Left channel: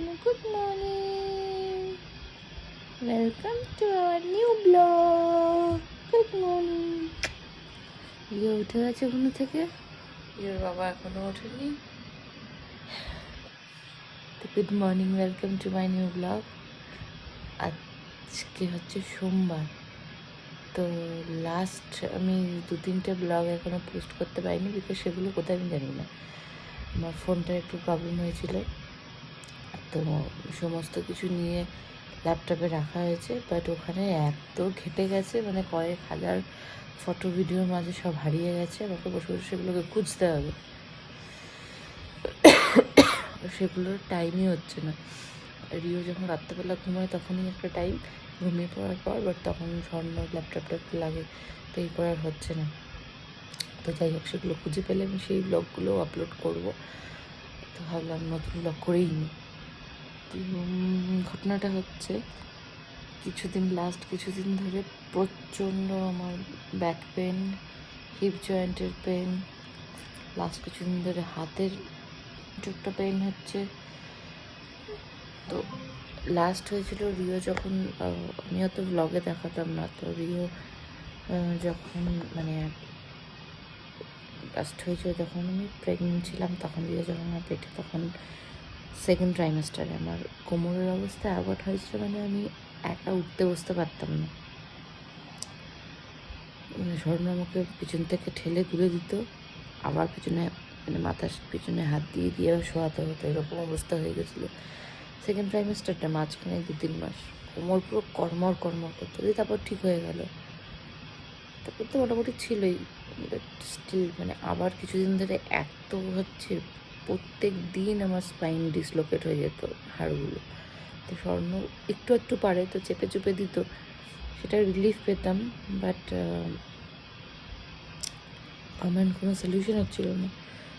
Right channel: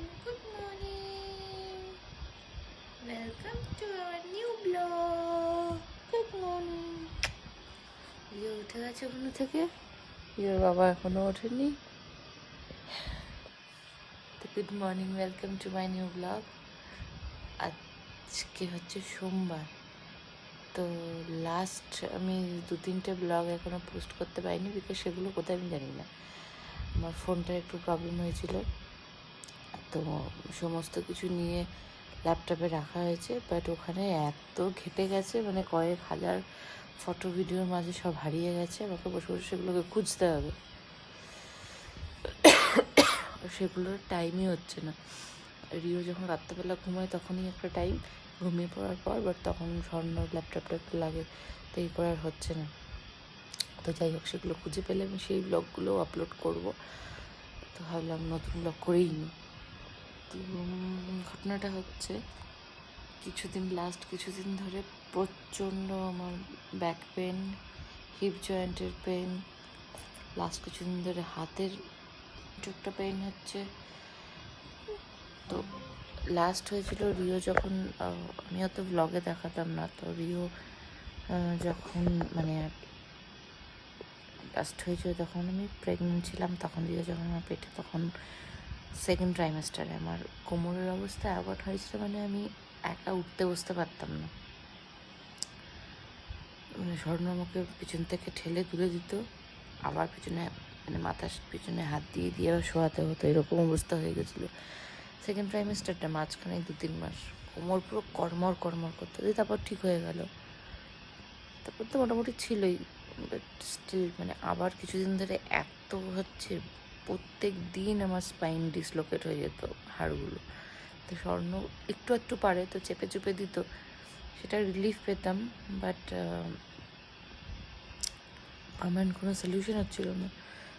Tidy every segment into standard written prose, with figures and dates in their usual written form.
Good morning. Welcome to our new vlog. Good morning. Rio উঠে গেছে ঘুম থেকে, রিওর বাবা এখনো ওঠেনি। তো good morning, welcome to my new blog. আজকে হচ্ছে সোমবার। তো লাস্ট আমি 2-3টে ব্লগ এখনো পোস্ট করতে পারিনি, বিকজ সেগুলো কোথায় আমি জানি না। আমার ফোনটার একটু প্রবলেম হয়েছিল, তো সমস্ত কিছু নিয়ে ল্যাপটপে রাখা হয়েছে, বাট ওখানে এত ঘেটে গেছে, মানে কয়েক হাজার ফটো ভিডিওর মাঝে সব হারিয়ে গেছে। আমাকে বসে বসে সেগুলোকে খুঁজতে হবে, সেগুলোর টাইমই হচ্ছে না। রিও যখন রাত্রেবেলা ঘুমায় তখনই একটা টাইম, ঘুমিয়ে পড়ার পর, বাট তখন স্বর্ণ ল্যাপটপটা একটু লাগে, তো এই করার হচ্ছে না। তো যাই হোক, সেগুলো খুঁজে পেলে আমি সেই ব্লগগুলো আপলোড করব। তো ভাবলাম নতুন ব্লগ করেই নিই। তো ঘটনাটা হচ্ছে, লাস্ট কিছুদিন ধরে প্রচণ্ড আমার ব্যাক পেন, হিপ জয়েন্টের পেন, লাস্ট কিছুদিন ধরে হাতের একটা পেন হচ্ছে। তো লাস্ট হয়েছিল রিও যখন, আমি অত ব্লগে দেখাতাম না, তো রিও যখন মানে লাস্ট হয়েছিল যখন আমি প্রেগনেন্ট ছিলাম, তখন রিও যখন আমার পেটে, তখন সেকেন্ড ট্রাইমেস্টারে আমার কোমরের অবস্থা অ্যাভয়েড হয়েছিল, মানে আমি একা উঠতে বসতে পারতাম না। মানে স্বর্ণ আমাকে পিছন থেকে ঠেলে তুলে দিত, আবার পিছনে মানে মাথার পিছনে হাত দিয়ে দিয়ে শোয়াতে হতো, এরকম অবস্থা হয়ে গেছিলো। সেকেন্ড ট্রাইমেস্টারটা মাঝখানে 2-3 মাস কোমর পুরো কর্মর করতো, দিয়ে তারপর ঠিক হয়ে গেল। তারপর তো মোটামুটি ছিলই, বাট স্টিল মানে আবার কিছুদিন ধরে এত হচ্ছে, প্রত্যেক দিন আমার স্পাইন ডিসলোকেট হয়ে যেত, হাড়গুলো। তো স্বর্ণ একটু একটু পারে, তো চেপে চুপে দিত, সেটা রিলিফ পেতাম, বাট পার্মানেন্ট কোনো সলিউশন হচ্ছিল না।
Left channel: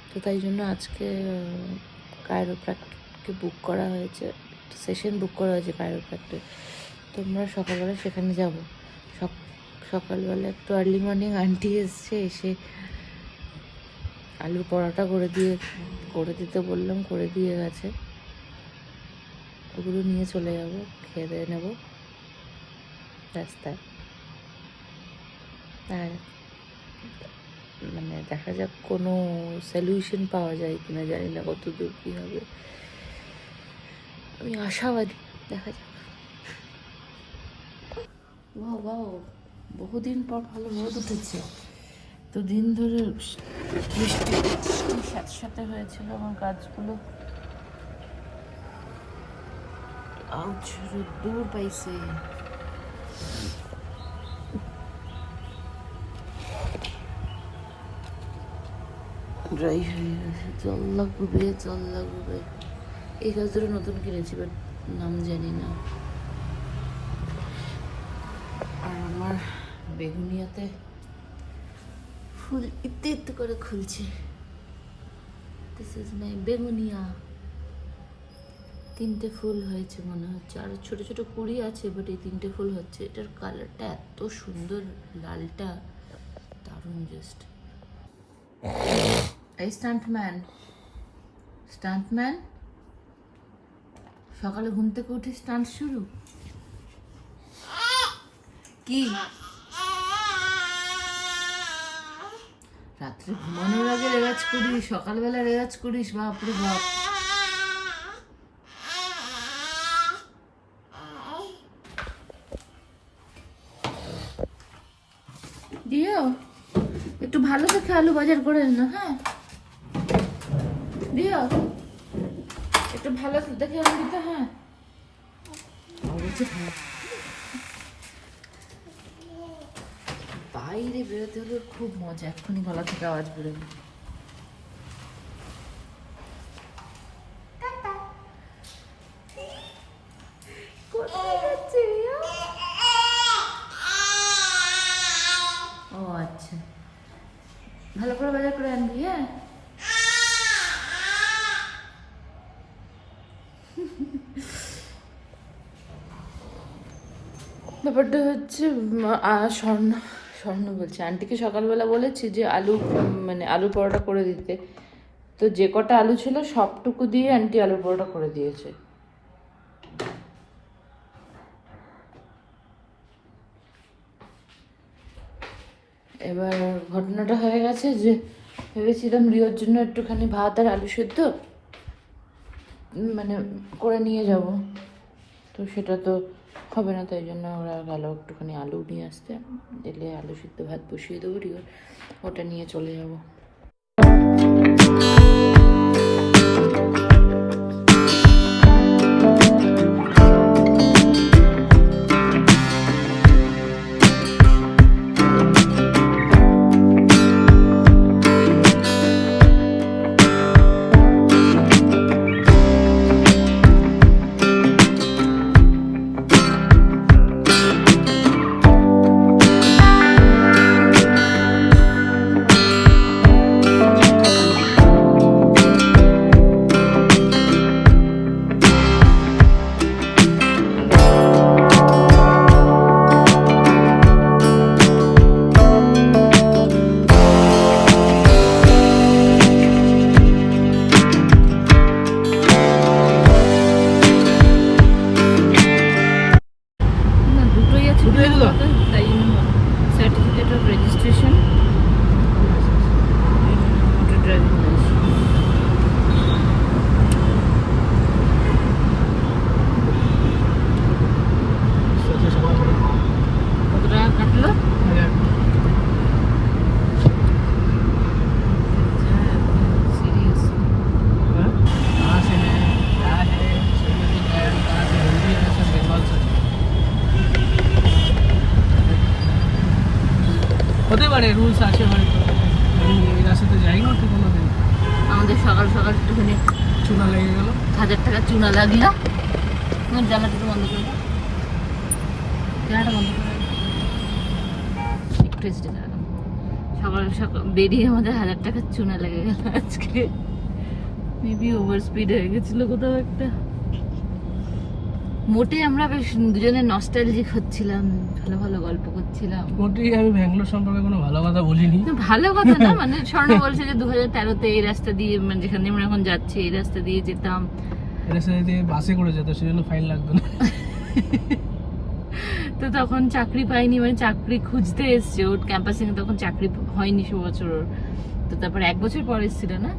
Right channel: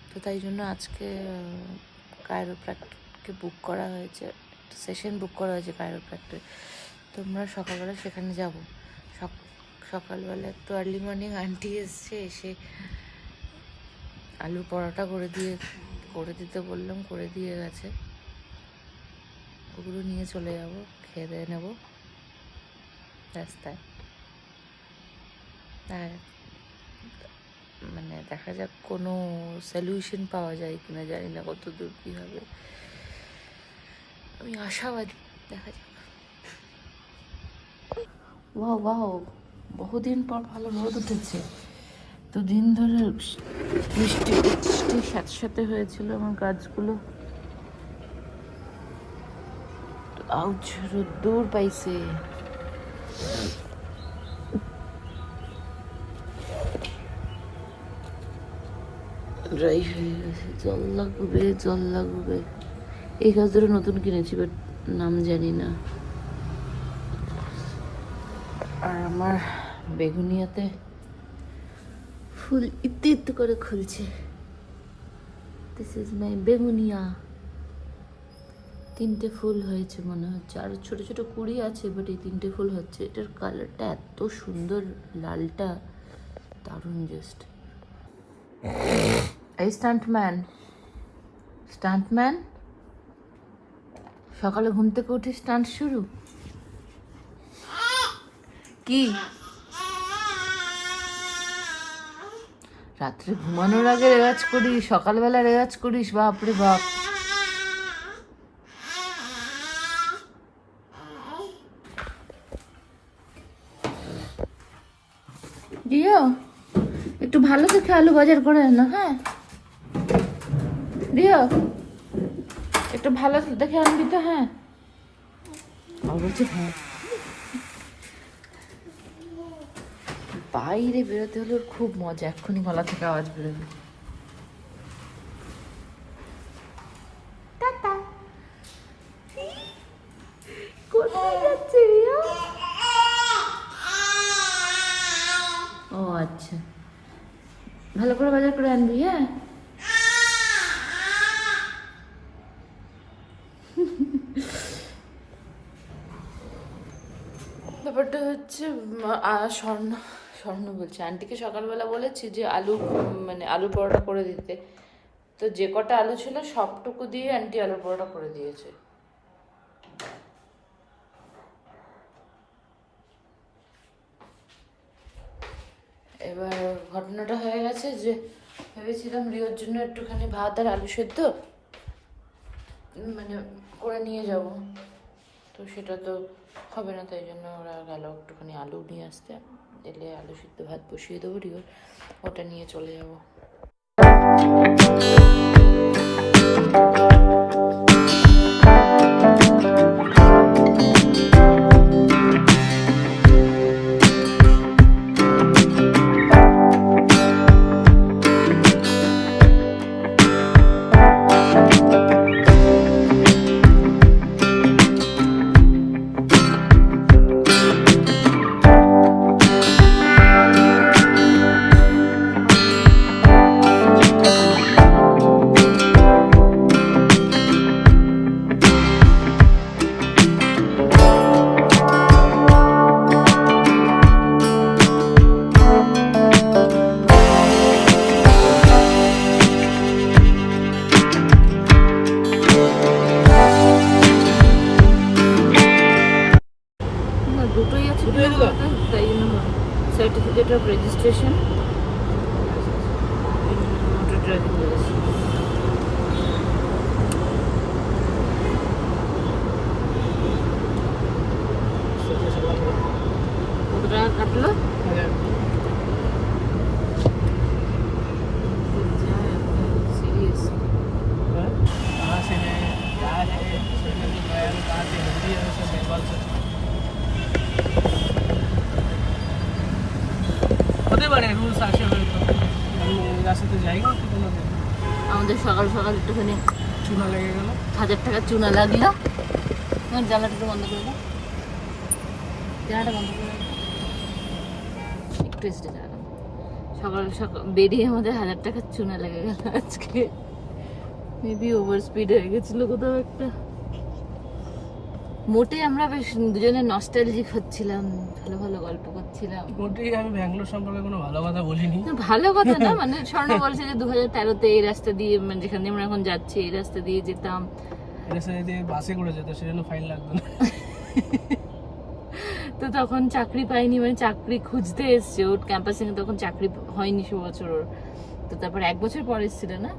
তো তাই জন্য আজকে কাইরোপ্র্যাক্টকে বুক করা হয়েছে, সেশন বুক করা হয়েছে কাইরোপ্র্যাক্টের। তো আমরা সকালবেলা সেখানে যাব। সকালবেলা একটু আর্লি মর্নিং আন্টি এসে আলুর পরোটা করে দিতে বললাম, করে দিয়ে গেছে। ওগুলো নিয়ে চলে যাব, খেয়ে দিয়ে নেব রাস্তায়। আর মানে দেখা যাক কোনো সলিউশন পাওয়া যায় কিনা, জানি না কত দূর কী হবে, আমি আশাবাদী, দেখা যাক। বাহ, বহুদিন পর ভালো রোদ উঠেছে। তো দিন ধরে বৃষ্টির সাথে হয়েছিল আমার গাছগুলো, আউচ রোদ্দুর পাইছে। ড্রাই হয়ে গেছে, জল লাগবে। এই গাছ ধরে নতুন কিনেছি, বাট নাম জানি না। আর আমার বেগুনিয়াতে ফুল ইত্তু করে খুলছে। This is my begonia. 3টে ফুল হয়েছে মনে হচ্ছে, আর ছোট ছোট কুড়ি আছে, বাট এই 3টে ফুল হচ্ছে। এটার কালারটা এত সুন্দর, লালটা দারুণ। জাস্ট এই স্টান্টম্যান সকালে ঘুম থেকে উঠে স্টান্ট শুরু। কি রাত্রে ঘুমানোর আগে রেওয়াজ করিস, সকালবেলা রেওয়াজ করিস? বাপরে বাপ। দিও একটু ভালো দেখে আলু বাজার করে আনো। হ্যাঁ দিও, একটু ভালো দেখে আনবি তো। হ্যাঁ অবশ্যই। হ্যাঁ, বাইরে বেরোতে হলে খুব মজা, এক্ষুনি গলা থেকে আওয়াজ বেরোবে। ও আচ্ছা, ভালো করে বাজার করে আনবি। হ্যাঁ ব্যাপারটা হচ্ছে, স্বর্ণ বলছে, আন্টিকে সকালবেলা বলেছি যে আলুর পরোটা করে দিতে। তো যে কটা আলু ছিল সবটুকু দিয়ে আন্টি আলুর পরোটা করে দিয়েছে। এবার ঘটনাটা হয়ে গেছে যে ভেবেছিলাম রিওর জন্য একটুখানি ভাত আর আলু সেদ্ধ মানে করে নিয়ে যাব, তো সেটা তো হবে না, তাই জন্য ওরা গেল একটুখানি আলু নিয়ে আসতে, এলে আলু সিদ্ধ ভাত বসিয়ে দেবো, রিওর ওটা নিয়ে চলে যাব। Certificate of registration, motor driving licence. কত টাকা কাটলো? রুলস আছে হয়তো, আমি এই রাস্তাতে যাইনি তো কোনোদিন। আমাদের সকাল সকাল একটুখানি চুনা লেগে গেল, 1000 টাকা চুনা লাগলো। আমার জ্বালাটা বন্ধ করে দাও, জ্বালাটা বন্ধ করে দাও, একটু এসে জ্বালানো। সকাল সকাল বেরিয়ে আমাদের 1000 টাকার চুনা লেগে গেল আজকে। মেবি ওভার স্পিড হয়ে গেছিলো কোথাও একটা। মোটে আমরা বেশ দুজনে নস্টালজিক হচ্ছিলাম, ভালো ভালো গল্প করছিলাম। মোটেই আমি ব্যাঙ্গালোর সম্পর্কে কোনো ভালো কথা বলিনি। ভালো কথা না, মানে স্বর্ণ বলছে যে 2013-তে এই রাস্তা দিয়ে, মানে যেখানে আমরা এখন যাচ্ছি এই রাস্তা দিয়ে যেতাম, এই রাস্তা দিয়ে বাসে করে যেত, সেজন্য ফাইন লাগতো না। তো তখন চাকরি পাইনি, মানে চাকরি খুঁজতে এসছে ওর ক্যাম্পাসিং এ, তখন চাকরি হয়নি সে বছর ওর। তো তারপর 1 বছর পর এসেছিল না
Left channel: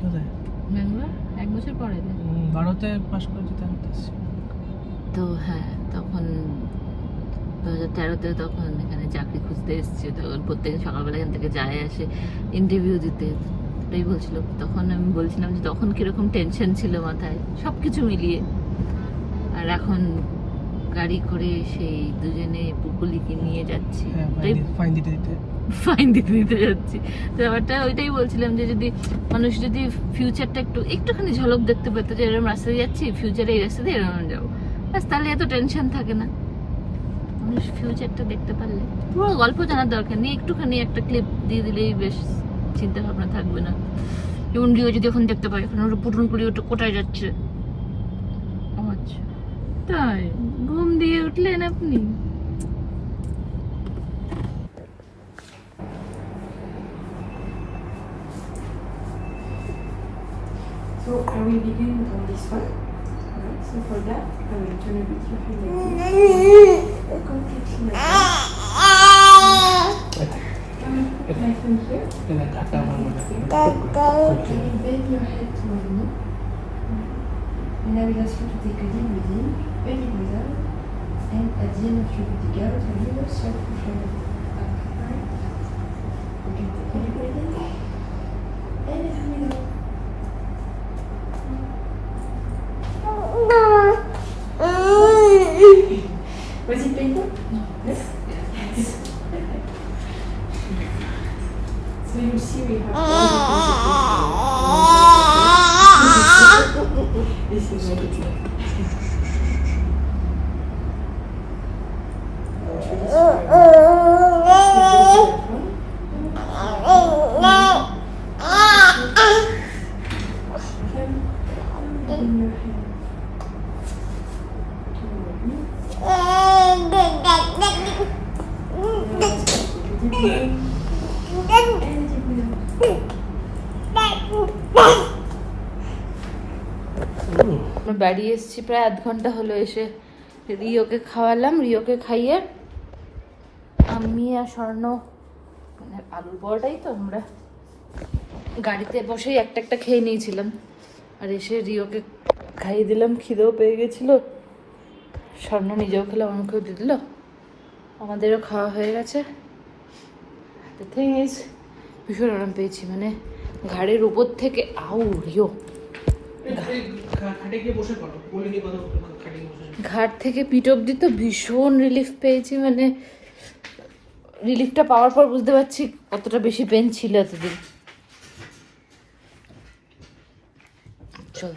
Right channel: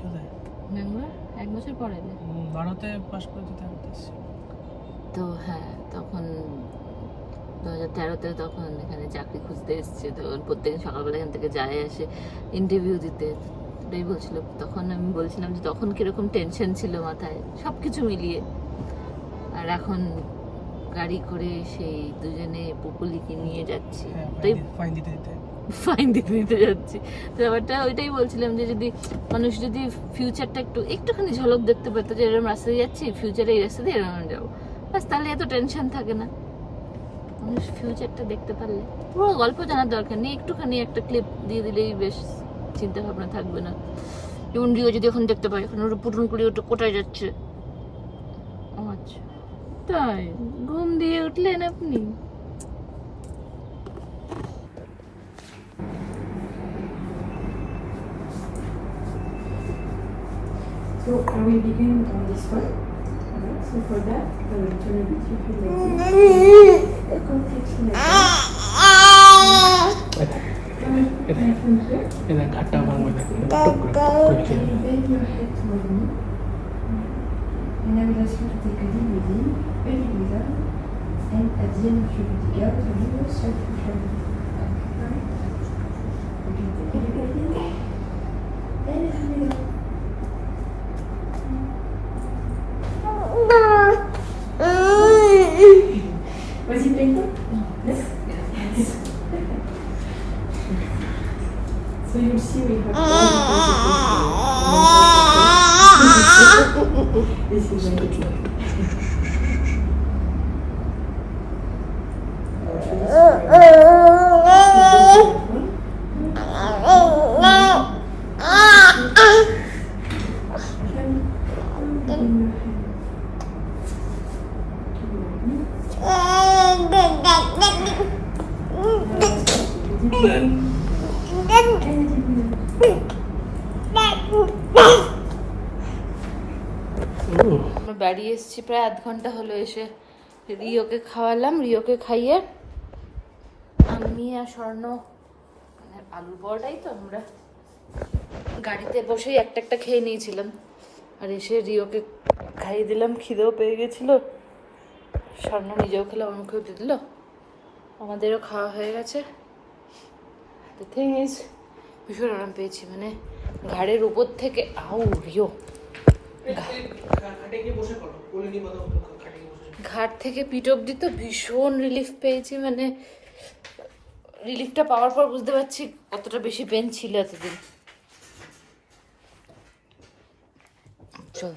কোথায়, ব্যাঙ্গালোর 1 বছর পরে 12তে পাস করেছি তারপর। তো হ্যাঁ, তখন 2013-তে তখন এখানে চাকরি খুঁজতে এসছে, তো প্রত্যেকদিন সকালবেলা এখান থেকে যায় আসে ইন্টারভিউ দিতে। ওটাই বলছিল, তখন আমি বলছিলাম যে তখন কিরকম টেনশন ছিল মাথায় সব কিছু মিলিয়ে, আর এখন গাড়ি করে সেই দুজনে পুকুলিকে নিয়ে যাচ্ছি, ফাইন দিতে দিতে যাচ্ছি। তো ব্যাপারটা ওইটাই বলছিলাম যে যদি মানুষ যদি ফিউচারটা একটুখানি ঝলক দেখতে পেতো, যে এরকম রাস্তায় যাচ্ছি, ফিউচারে এই রাস্তা দিয়ে এরকম যাবো, ব্যাস, তাহলে এত টেনশন থাকে না। মানুষ ফিউচারটা দেখতে পারলে, পুরো গল্প জানার দরকার নেই, একটুখানি একটা ক্লিপ দিয়ে দিলেই বেশ চিন্তা ভাবনা থাকবে না। যেমন রিও যদি এখন দেখতে পাই, এখন ওটা পুটুন কুড়ি ওটা কোথায় যাচ্ছে। আচ্ছা তাই, ঘুম দিয়ে উঠলেন আপনি? So I will begin on this one. Alright, so for that, I will turn a bit your head like this. Completely like that. Nice and here. And you bend your head toward me. And I will ask you to take a deep breath in, very breathe out. And at the end of your breathing out, I will start to shoulder back. Alright? Okay, take a deep breath in. And let me go. Was it painful? No. Yes? Yes. So you see we have all the consequences. This is my good luck. বাড়ি এসেছি প্রায় 1/2 ঘন্টা হলো, এসে রিওকে খাওয়ালাম, রিওকে খাইয়ে আমি আর স্বর্ণ আলুর বড়াটাই তো আমরা গাড়িতে বসেই একটা একটা খেয়ে নিয়েছিলাম, আর এসে রিওকে খাইয়ে দিলাম, খিদেও পেয়ে গেছিল। স্বর্ণ নিজেও খেলাম, আমাকেও দিয়ে দিল, আমাদেরও খাওয়া হয়ে গেছে। দ্য থিং ইজ ভীষণ আরাম পেয়েছি, মানে ঘাড়ের উপর থেকে রিও ঘাট থেকে পিঠ অব্দি তো ভীষণ রিলিফ পেয়েছি। মানে রিলিফটা পাওয়ার পর বুঝতে পারছি কতটা বেশি পেন ছিল এতদিন। চল,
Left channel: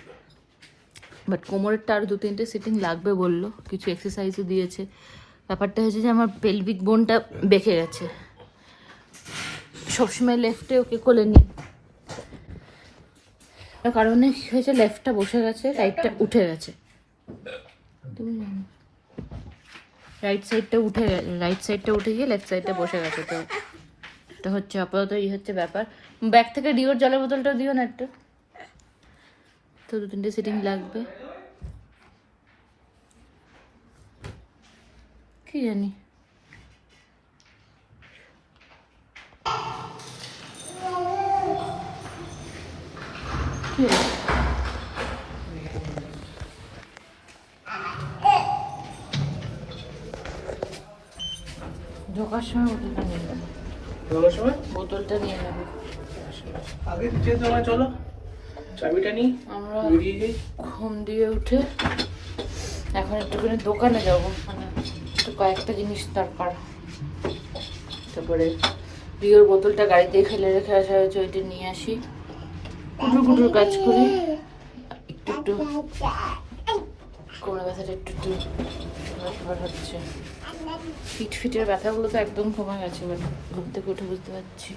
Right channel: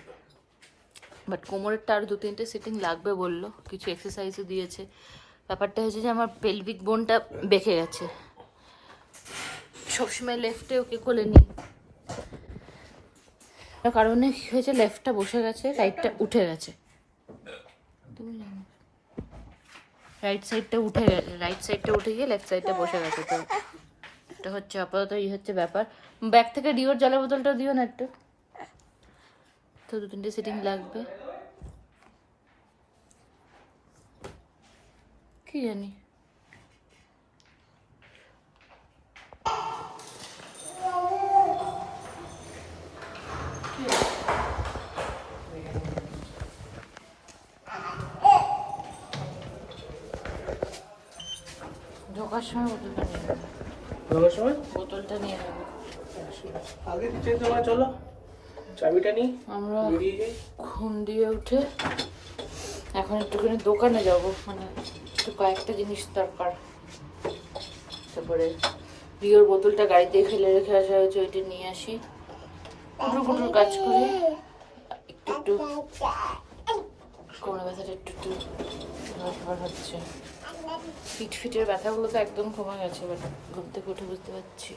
বাট কোমরেরটা আরও 2-3টে সিটিং লাগবে বললো, কিছু এক্সারসাইজও দিয়েছে। ব্যাপারটা হয়েছে যে আমার পেলভিক বোনটা বেঁকে গেছে, সবসময় লেফটে ওকে কোলে নিই, কারণে কি হয়েছে, লেফটটা বসে গেছে, রাইটটা উঠে গেছে। তুমি জানো রাইট সাইডটা উঠে গিয়ে লেফট সাইডটা বসে গেছে। তো এটা হচ্ছে আপাতত এই হচ্ছে ব্যাপার। ব্যাগ থেকে ডিওর জলের বোতলটা দিও না একটা, তো 2-3টে সিটিং লাগবে। কি জানি কি ঢোকার সময় বোতলটা নিয়ে নেবো। চলো চাবিটা নিই। আমরা ঘুম দিয়ে উঠে এখন একটুখানি দোকানে যাবো, মানে একটু কয়েকটা জিনিস দরকার। তারপরে রিওর বোতলটা গাড়িতেই ফেলে রেখে আসা হয়েছে, ওইটা নিয়ে আসি, কুটুর কাজ করি, একটু কোমরে ব্যথাটা একটু হচ্ছে। ফিটের ব্যথাগুলো তো একদম কমে গেছে, মানে ঘুম থেকে উঠে বুঝতে পারছি।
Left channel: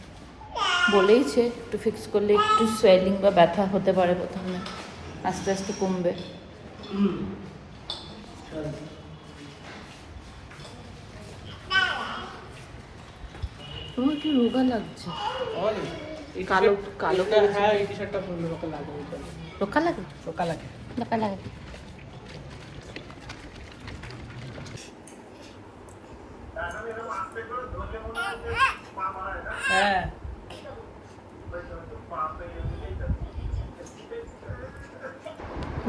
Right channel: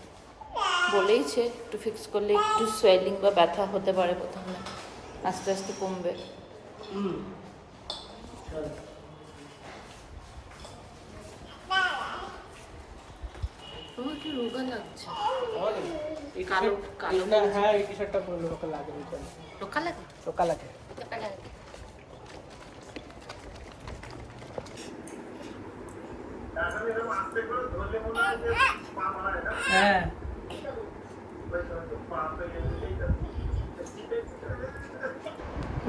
বলেইছে একটু ফিক্স করলে একটু সোয়েলিং বা ব্যথা হতে পারে প্রথমে, আস্তে আস্তে কমবে। তোমার কি রোগা লাগছে? কালো কালো হ্যাঁ, এই টি-শার্টটা পরলে রোগা লাগে। রোগা লাগে? রোগা লাগে, রোগা লাগে। হ্যাঁ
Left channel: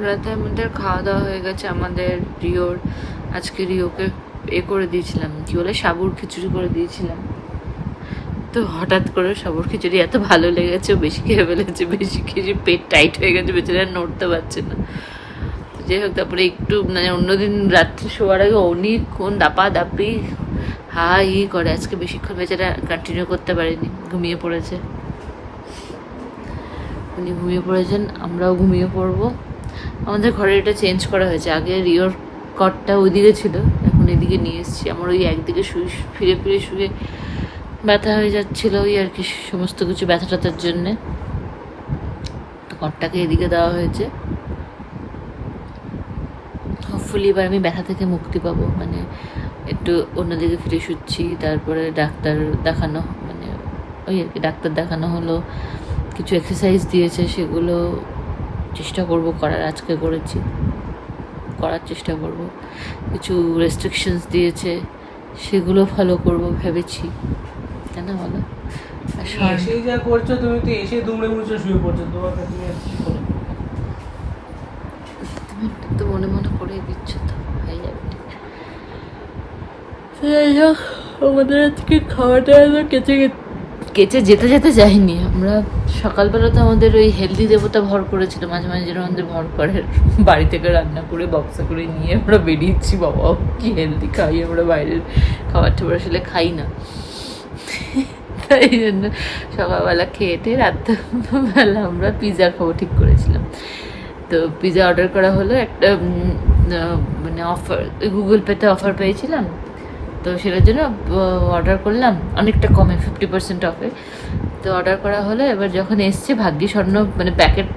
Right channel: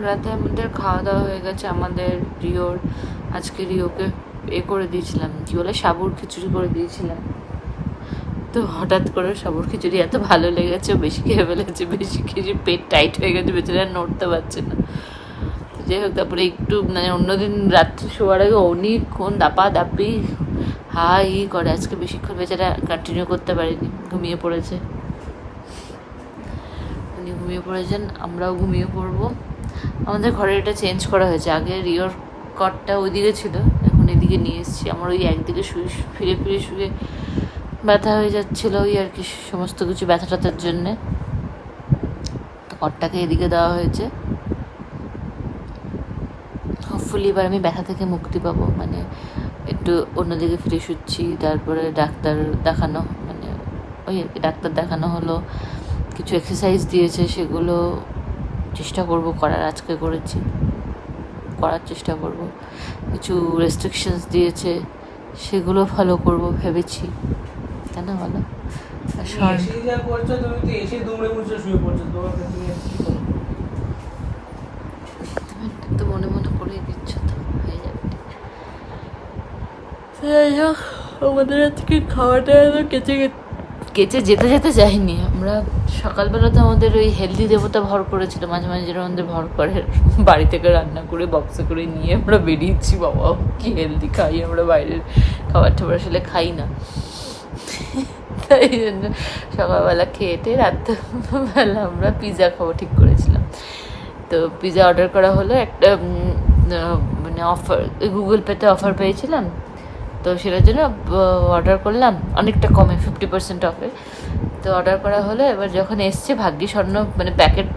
রাতে আমাদের খাওয়া দাওয়া হয়ে গেছে। আমাদের রিওর আজকে রিওকে করে দিয়েছিলাম, কি বলে, সাবুর খিচুড়ি করে দিয়েছিলাম। তো হঠাৎ করে সাবুর খিচুড়ি এত ভালো লেগেছে, বেশি খেয়ে ফেলেছে, বেশি খেয়ে পেট টাইট হয়ে গেছে, বেচারা নড়তে পারছে না। যাই হোক, তারপরে একটু মানে অন্যদিন রাত্রে শোয়ার আগে অনেকক্ষণ দাপাদাপি করে, আজকে বেশিক্ষণ বেচারা কন্টিনিউ করতে পারেনি, ঘুমিয়ে পড়েছে। উনি ঘুমিয়ে পড়েছেন, আমরাও ঘুমিয়ে পড়বো। আমাদের ঘরে এটা চেঞ্জ করা হয়েছে, আগে রিওর কটটা ওইদিকে ছিল, এখন এদিকে নিয়ে এসেছি। আমার ওই একদিকে ফিরে শুয়ে ব্যথা হয়ে যাচ্ছিলো, ওই আর কি সমস্ত কিছু ব্যথা ট্যাথার জন্যে, তো কটটাকে এদিকে দেওয়া হয়েছে। হোপফুলি এবার আমি ব্যথা থেকে মুক্তি পাবো, মানে একটু অন্যদিকে ফিরে শুচ্ছি। তারপরে ডাক্তার দেখানো, মানে ওই আর কি ডাক্তার দেখানো হলো, কিছু এক্সারসাইজ দিয়েছে, সেগুলো চেষ্টা করব করার, আজকে করেছি, করার চেষ্টা করব। কিছু রেস্ট্রিকশনস দিয়েছে, সেগুলো ফলো করব ভেবেছি, কেন বলো? তুমি তো মনে মনে করেই দিচ্ছ, তো হয়ে যাবে। যাই হোক, আমাদের আজকে খাওয়াটা কেচে যেতে যাইনি আমরা। সকালবেলা তো আমাদের ওই হেলদি দেবতা ভর করেছিল, মাঝে মাঝে যেন আমাদের ভর করে, বাড়ি থেকে রান্না করে বক্সে করে নিয়ে আমরা বেরিয়েছি। বাবা কি হেলদি খাই আমরা, বাইরের খাবার টাবার আসলে খাই না, তাই জন্য সকালবেলা খেয়ে রাত্রেবেলা আমরা পিৎজা খাবো ঠিক করেছিলাম। তো পিৎজা অর্ডার করা হলো, একটা মানে অফার, গুগল পেতে অফার পেয়েছিলাম, তো সেটার জন্য অর্ডার করলাম, অনেকটা কমে 50% অফে। তো অর্ডার করা হলো, এবার যখন এসছে ভাগ্যি স্বর্ণ মানে প্যাকেট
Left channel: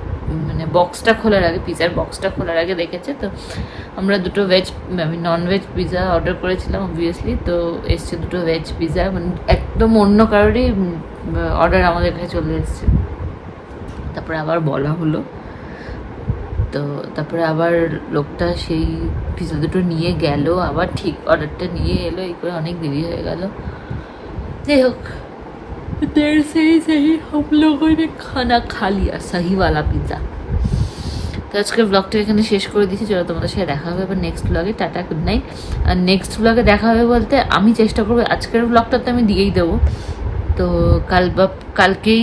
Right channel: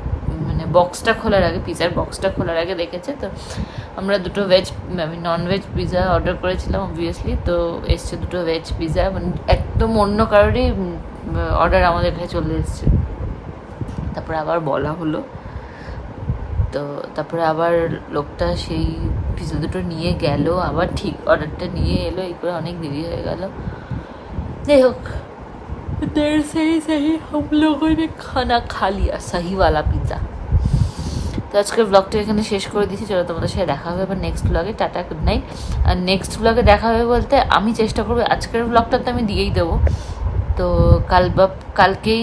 মানে বক্সটা খোলার আগে, পিৎজার বক্সটা খোলার আগে দেখেছে। তো আমরা দুটো আমি নন ভেজ পিৎজা অর্ডার করেছিলাম অবভিয়াসলি, তো এসছে দুটো ভেজ পিৎজা, মানে একদম অন্য কারোরই অর্ডার আমাদের কাছে চলে এসছে। তারপরে আবার বলা হলো, তো তারপরে আবার লোকটা সেই পিৎজা দুটো নিয়ে গেল, আবার ঠিক অর্ডারটা নিয়ে এলো, এই করে অনেক দেরি হয়ে গেল। যাই হোক, देर से ही सही हम लोगों ने खाना खा लिया सही वाला पिज़्ज़ा। তো আজকের ব্লগটা এখানে শেষ করে দিচ্ছি। চলো তোমাদের সাথে দেখা হবে এবার নেক্সট ব্লগে। Tata, good night. আর নেক্সট ব্লগে দেখা হবে বলতে আমি চেষ্টা করবো, আজকের ব্লগটা তো আমি দিয়েই দেবো, তো কাল বা কালকেই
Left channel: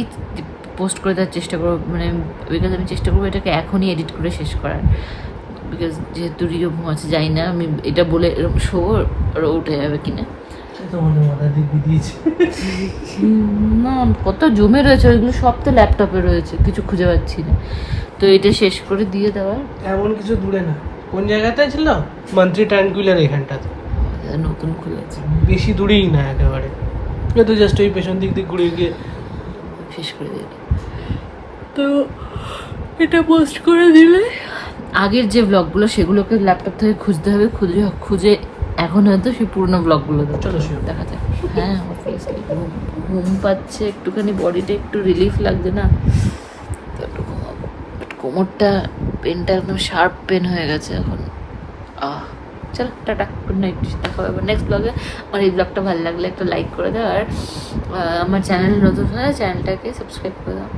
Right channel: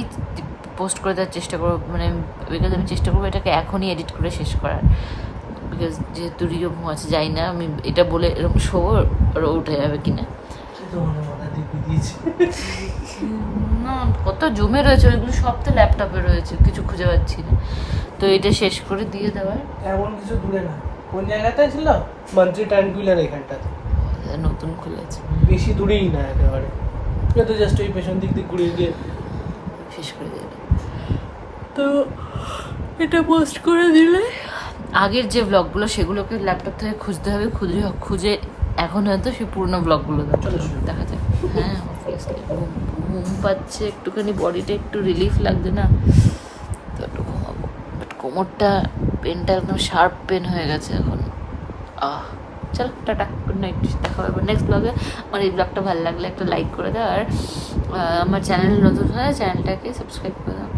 পোস্ট করে দেওয়ার চেষ্টা করবো, মানে বিকজ আমি চেষ্টা করবো এটাকে এখনই এডিট করে শেষ করার, বিকজ যেহেতু রিও ঘুমাচ্ছে যাই না আমি এটা বলে এরকম শোবো আর উঠে যাবে কিনা না, কত জমে রয়েছে ওইগুলো সব তো ল্যাপটপে রয়েছে, কিছু খুঁজে পাচ্ছি না, তো এটা শেষ করে দিয়ে দেওয়ার। এমন কিছু দূরে না, কোন জায়গাতে ছিল মন্ত্রী ট্রাঙ্কুলার এখানটা নতুন খুলেছে, বেশি দূরেই না একেবারে, তো জাস্ট ওই পেছন দিক দিয়ে ঘুরে গিয়ে শেষ করে দিয়ে। তো এটা পোস্ট করে দিলে আগের যে ব্লগগুলো সেগুলোকে ল্যাপটপ থেকে খুঁজতে হবে, খুঁজে এখন হয়তো সেই পুরোনো ব্লগগুলো দেখা যায়। হ্যাঁ অবভিয়াসলি ঘুম পাচ্ছে, একটুখানি বডিতে একটু রিলিফ লাগছে না, তো একটু ঘুমাবো। বাট কোমরটা পেনটা একদম শার্প পেন হয়ে গেছে এখন। চলো টাটা, গুড নাইট, দেখা হবে নেক্সট ব্লগে। আমার এই ব্লগটা ভালো লাগলে একটা লাইক করে দাও, আর আমার চ্যানেল নতুন হলে চ্যানেলটাকে সাবস্ক্রাইব করে দাও।